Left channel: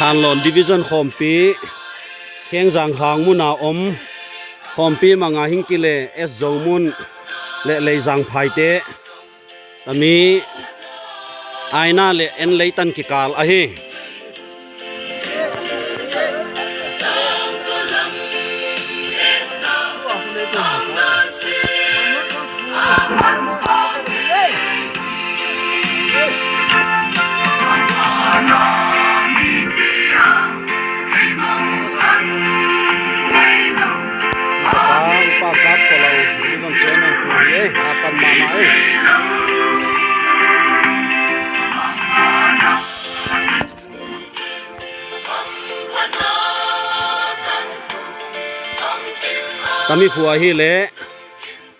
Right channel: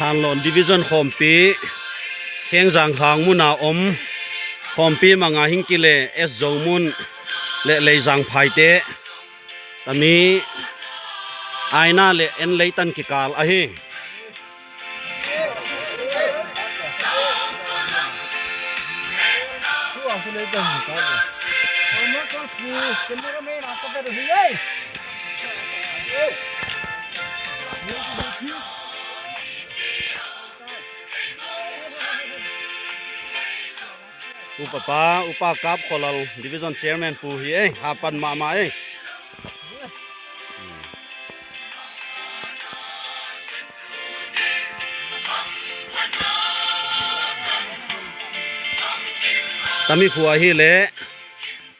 Thanlon Division Khawmpi Khiengjanglhang muna Khawmpi manga hingkile es zongmun le leijang phaite tami aina le en leitan kikal ahi upa kap kalau division chairman ku hi hapan mama tami khua hi le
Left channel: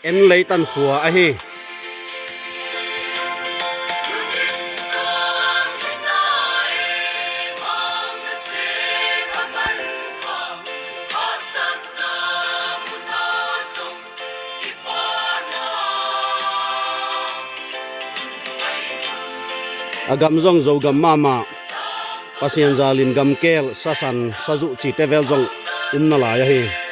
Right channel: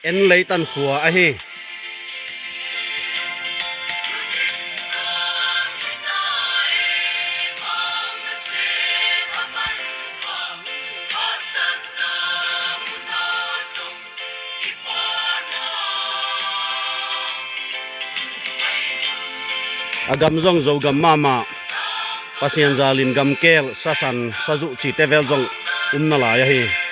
en leitan khua a hi agam zong zo gam mama Pasian zalin gam kel sasan saju chi tevel zong umna la ya hi